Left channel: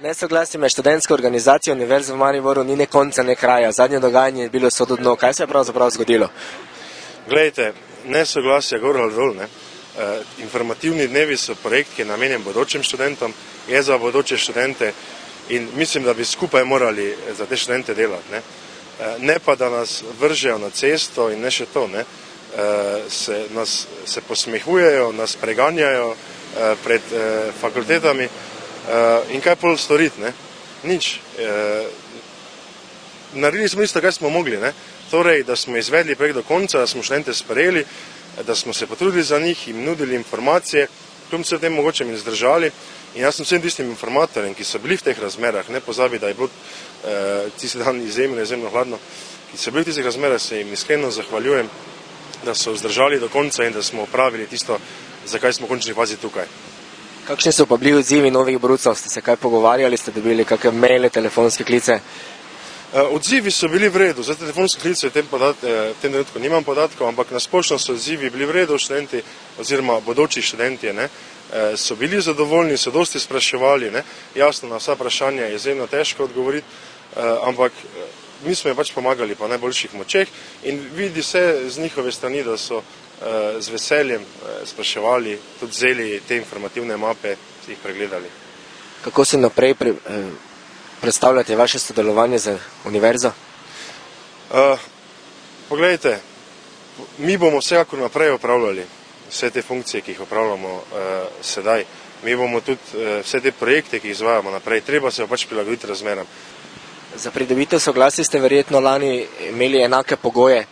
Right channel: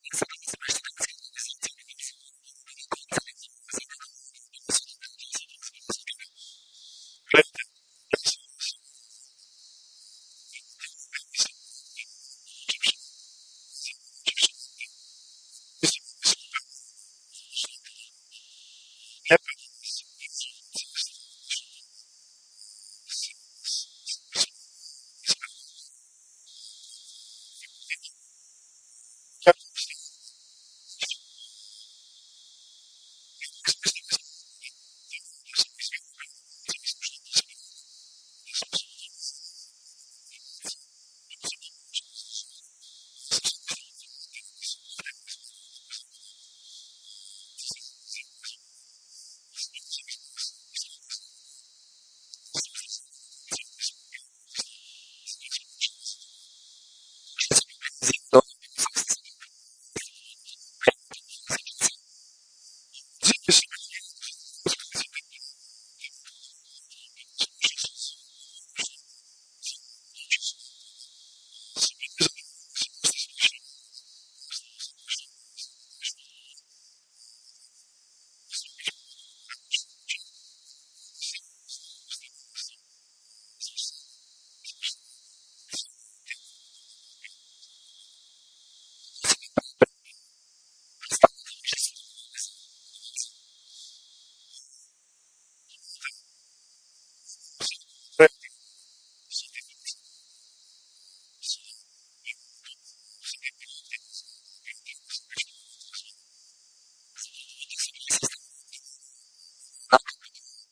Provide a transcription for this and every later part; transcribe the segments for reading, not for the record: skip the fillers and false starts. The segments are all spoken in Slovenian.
Nesoglasje med študentsko organizacijo Univerze v Mariboru ni ne konca, ne kraja. Zadnje dogajanje je bilo sodo dno. Kaj se je pravzaprav zgodilo? Glejte, nesoglasje gor ali dol, ne. Informativni dnevi so projekt, ki je namenjen bodočim študentom, je za bodoče študente in mislim, da bi skupaj morali za te študente delati, ne. Ne pa, da nas vržejo na cesto in ne še to, ne. Se posmehujejo, nas preganjajo pred fakultetami in kaj pol storiti, ne? Nič. Naredili smo isto, kaj smo mogli, ne? Torej, da smo izvedli projekt do konca, da smo študente sprejeli, da smo se potrudili za njih, jim nudili informacije, kljub vsem tem mogoče jim zdržali. In jaz sem vsem tistim informatorjem, ki so bili v teh razmerah, ne pozabi, da je bilo tisti dan izjemno hladno, ki so bili v tistih razmerah, se jim iskreno zahvaljujem, da so zdržali do konca in da smo opravili tisto, zakaj smo v končni fazi tukaj. Kakšni so pa bili odzivi novih brucov? Ste se kaj pogovarjali, ste dobili kakšne maile, telefonske klice? Odzivi so bili v redu, za telefonske klice v tem trenutku nimam podatkov, ampak nasplošno so odzivi bili v redu, študenti oziroma bodoči študentje, ne, so bili zadovoljni, so dosti spraševali, ne, jasno na vsa vprašanja je izjemno težko odgovoriti, ampak mi smo jim pač pomagali po najboljših močeh in vidi se z njihove strani, da so z veseljem spraševali, tudi vzeli te informativne mape, jih pregledali. Kako si naprej predstavljate vaše sodelovanje z univerzo? Poglejte, mi bomo vsekakor naprej opravljali vse te funkcije, ki jih opravljamo sedaj. Mi bomo tudi vse te projekte, ki jih izvajamo naprej, treba se pač prilagoditi razmeram. Za pridobitev soglasja ste verjetno lani imeli enake pogoje.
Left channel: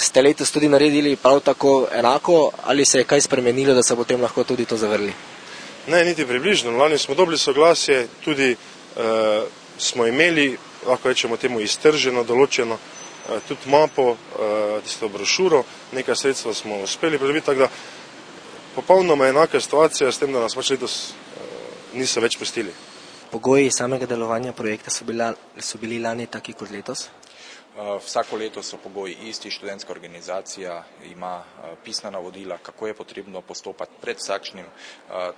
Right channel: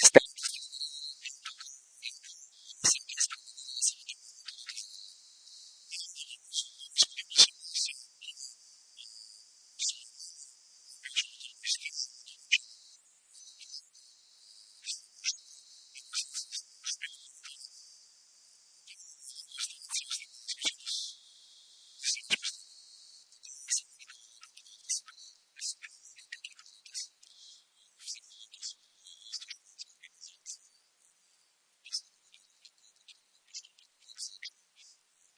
Ste letos tudi naredili prav tako enako ali se je kaj spremenilo, da se potem lahko tudi to zavrli? Ne, niti približno. Lani smo dobili soglasje, tudi smo imeli, lahko rečemo temu, iztrženo, določeno, tudi mapo, tisto brošuro, nekaj sredstva smo uspeli pridobiti, tako da popolnoma enaka situacija s tem, da nas pač letos niso več pustili. Pogoji samega delovanja projekta so bili lani taki kot letos? Vsako leto so pogoji isti, študentska organizacija ima pisna navodila, kako je potrebno postopati pred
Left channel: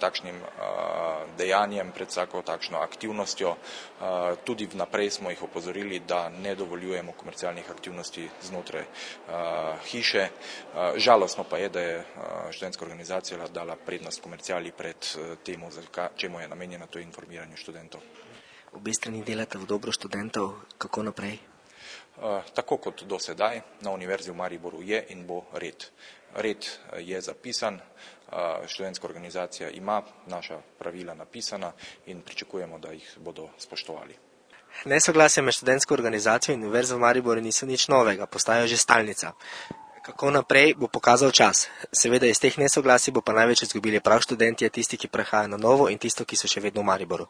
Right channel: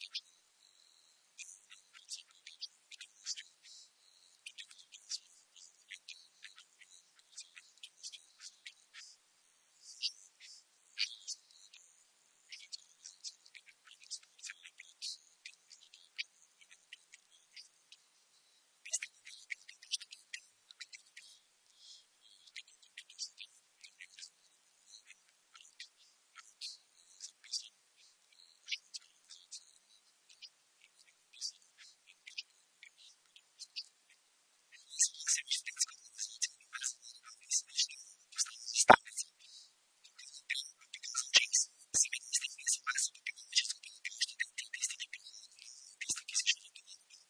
takšnim dejanjem, pred vsako takšno aktivnostjo. Tudi vnaprej smo jih opozorili, da ne dovoljujemo komercialnih aktivnosti znotraj hiše. Žalostno pa je, da je študentska organizacija dala prednost komerciali pred temu, čemu je namenjena, to informiranje študentov. Obe strani delate v dobro študentov, kako naprej? Tako kot do sedaj, na Univerzi v Mariboru je in bo red. Red je zapisan, študentska organizacija ima naša pravila napisana in pričakujemo, da jih bodo spoštovali. Nesoglasje med študentsko organizacijo in Univerzo v Mariboru niso nič novega, postajajo že stalnica. Kako naprej bo pokazal čas. Seveda iz teh nesoglasij bo pa največ izgubili prav študentje, tisti, ki prehajajo na novo in tisti, ki so še vedno v Mariboru.